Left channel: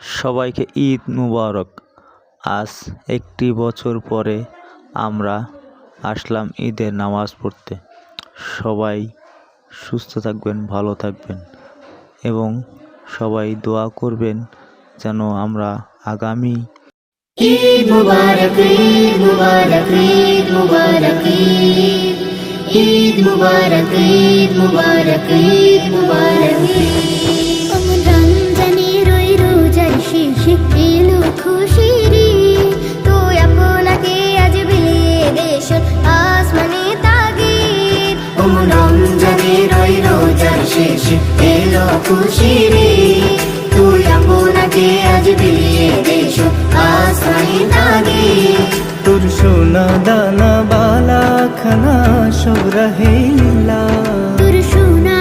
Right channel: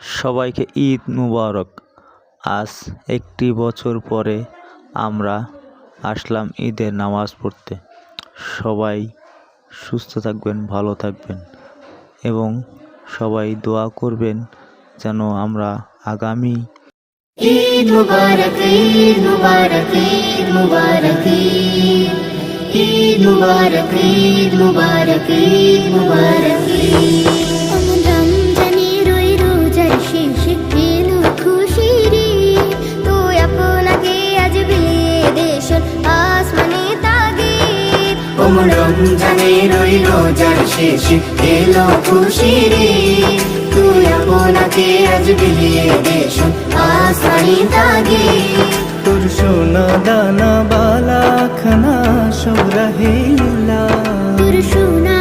সবাইকে ঈদ মুবারক। আজ একটি বছর পরে আমরা আসলাম ঈদের নামাজ পড়তে। সবাই সুস্থ থাকবেন, ভালো থাকবেন এবং সবাই দোয়া করবেন যেন আমরা আগামী ঈদ মুবারক, ঈদ মুবারক, ঈদ মুবারক, ঈদ মুবারক, ঈদ মুবারক, ঈদ মুবারক। অমন রমজানের ওই রোজার শেষে এলো খুশির ঈদ। তো আপনাকে আজ বিলিয়ে দেশের আসমানে তাগিদ। ওমন রমজানের ওই রোজার শেষে এলো খুশির ঈদ। তুই আপনাকে আজ বিলিয়ে দেশ আসমানি তাগিদ। তোর সোনা দানা বালা খানা সব রাহে লিল্লাহ। তোর সোনা